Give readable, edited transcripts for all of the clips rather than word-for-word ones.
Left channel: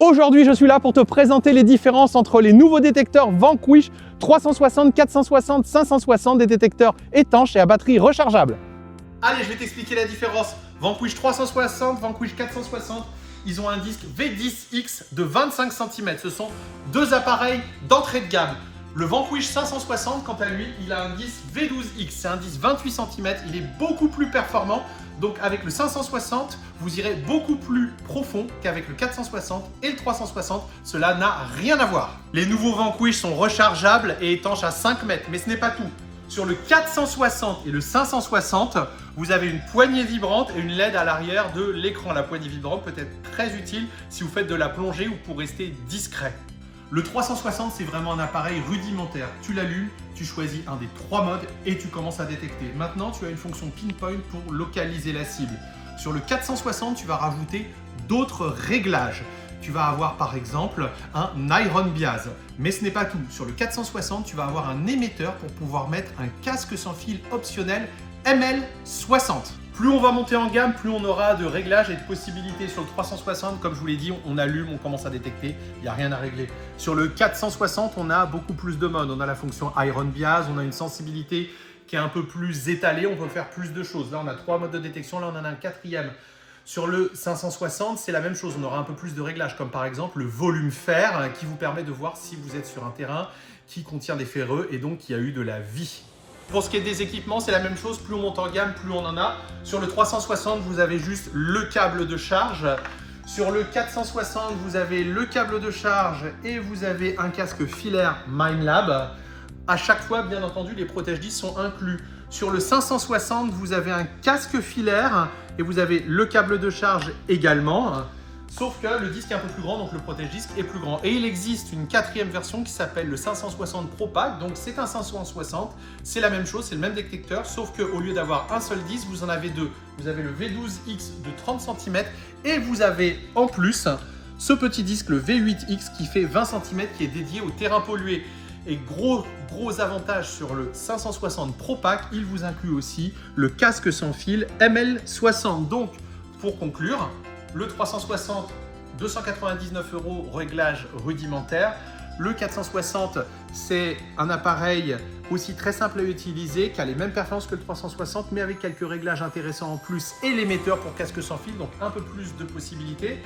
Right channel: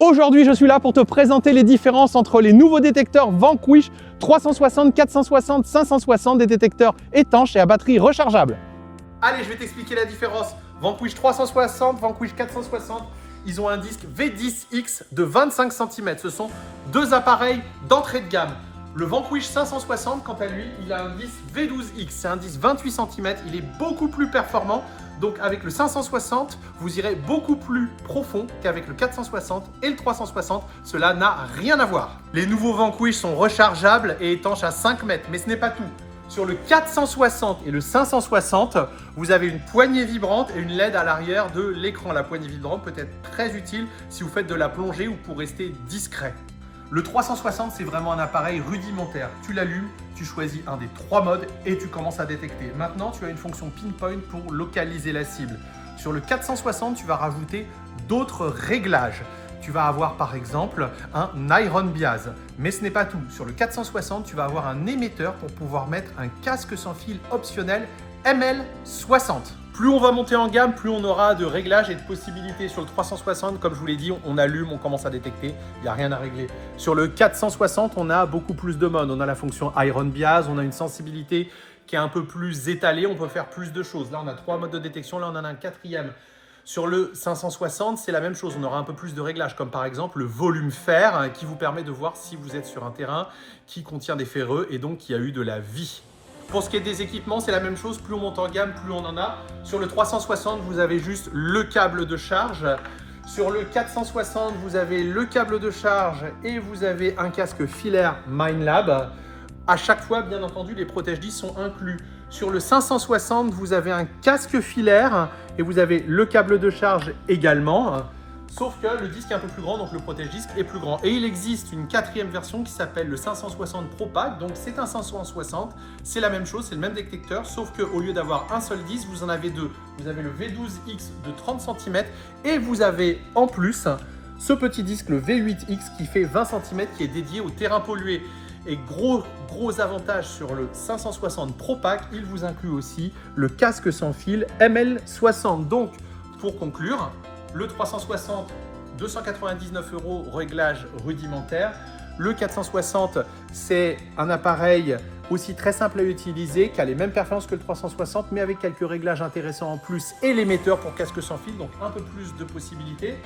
Aujourd'hui, je suis là pour te présenter les différences entre les nouveaux détecteurs Vanquish 360, 460, 560, des détecteurs étanches et à batterie rechargeable. Allez, je vais t'expliquer la différence. Vanquish 360, Vanquish 460, ils ont un disque V10X de 25 cm. Ce sont deux appareils d'entrée de gamme. Le Vanquish 560, quant à lui, il a un disque V12X. C'est un disque 28 cm. Il est beaucoup plus performant. Donc avec le 560, vous irez beaucoup plus profond qu'avec le 460 et le 360. Cela n'a rien à voir. Les nouveaux Vanquish sont rechargeables et étanches à 5 mètres. Mais ce n'est pas tout. Sur le 460 et le 560, vous avez une poignée vibrante et une LED à l'arrière de l'écran. La poignée vibrante peut être très utile si vous faites de la plongée ou pour rester discret. Le 360, c'est vraiment un appareil rudimentaire. Tu l'allumes, tu choisis un des trois modes et tu commences à détecter. Maintenant, tu as une fonction pinpoint pour localiser la cible. Sur le 460, tu vas rajouter d'autres réglages. Tu vas avoir par exemple un Iron Bias. Mais ce n'est pas tout. Sur le 460, tu vas avoir un émetteur pour pouvoir mettre un casque sans fil optionnel ML60. Plus on va monter en gamme, plus on aura de réglages et de possibilités. Sur le 360, comme je vous l'ai dit, on allume, on commence à détecter, il n'y a rien à régler. Sur le 460, on a beaucoup plus de modes. On a la fonction Iron Bias, on a une sensibilité qui est un peu plus étalée, on peut faire plus de choses. Là, on a 3 modes de détection, là, on en a un 4e. Sur le 560, c'est la même chose, on aura un peu plus de réglages, comme par exemple le volume fer, qui vous permet de voir si vous êtes sur un terrain qui contient des ferreux et donc qui a eu de la vie. Pour ce qui est des équipements, c'est la même chose, plus on monte en gamme, plus on en a. Sur le 360, vous avez juste le câble de charge. Sur le 460, vous avez le câble de charge et vous avez un casque filaire Minelab. À chaque fois, bien entendu, les protège-disques sont inclus. Sur le 560, vous avez un casque filaire et vous avez le câble de charge également. Sauf que le disque est un peu plus grand, donc le protège-disque est plus grand. Et il existe une 4e version qui s'appelle le 560 Pro Pack. Donc c'est un 560, c'est la même chose, c'est le même détecteur, sauf qu'au lieu d'avoir un seul disque, vous en avez deux. Vous avez le V12X de 30 cm et vous avez en plus ce petit disque, le V8X, qui fait 20 cm, qui est dédié au terrain pollué. Et gros avantage sur le 560 Pro Pack, il vous inclut aussi le casque sans fil ML60. Donc pour conclure, le 360, 299 €, réglage rudimentaire. Le 460, c'est un appareil aussi très simple à utiliser, qui a les mêmes performances que le 360, mais avec quelques réglages intéressants en plus et l'émetteur pour casque sans fil, donc un peu plus de possibilités.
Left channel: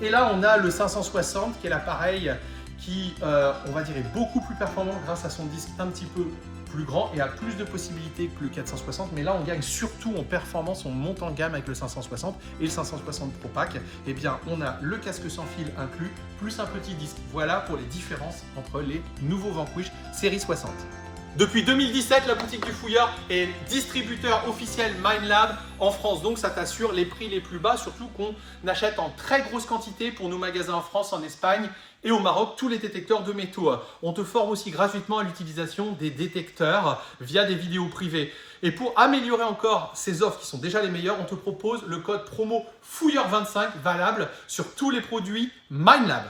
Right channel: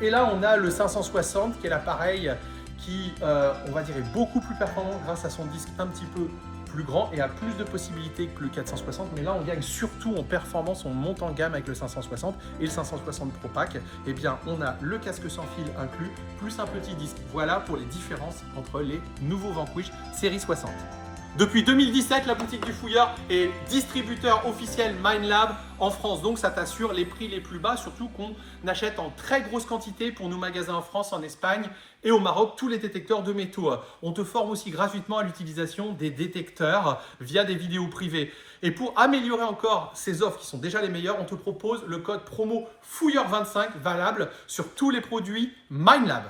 Et là, on a le 560, qui est l'appareil qui, on va dire, est beaucoup plus performant grâce à son disque un petit peu plus grand et a plus de possibilités que le 460, mais là on gagne surtout en performance, on monte en gamme avec le 560 et le 560 Pro Pack. Eh bien, on a le casque sans fil inclus, plus un petit disque. Voilà pour les différences entre les nouveaux Vanquish série 60. Depuis 2017, la boutique du Fouilleur est distributeur officiel Minelab en France. Donc ça t'assure les prix les plus bas, surtout qu'on achète en très grosse quantité pour nos magasins en France, en Espagne et au Maroc, tous les détecteurs de métaux. On te forme aussi gratuitement à l'utilisation des détecteurs via des vidéos privées. Et pour améliorer encore ces offres qui sont déjà les meilleures, on te propose le code promo Fouilleur25 valable sur tous les produits Minelab.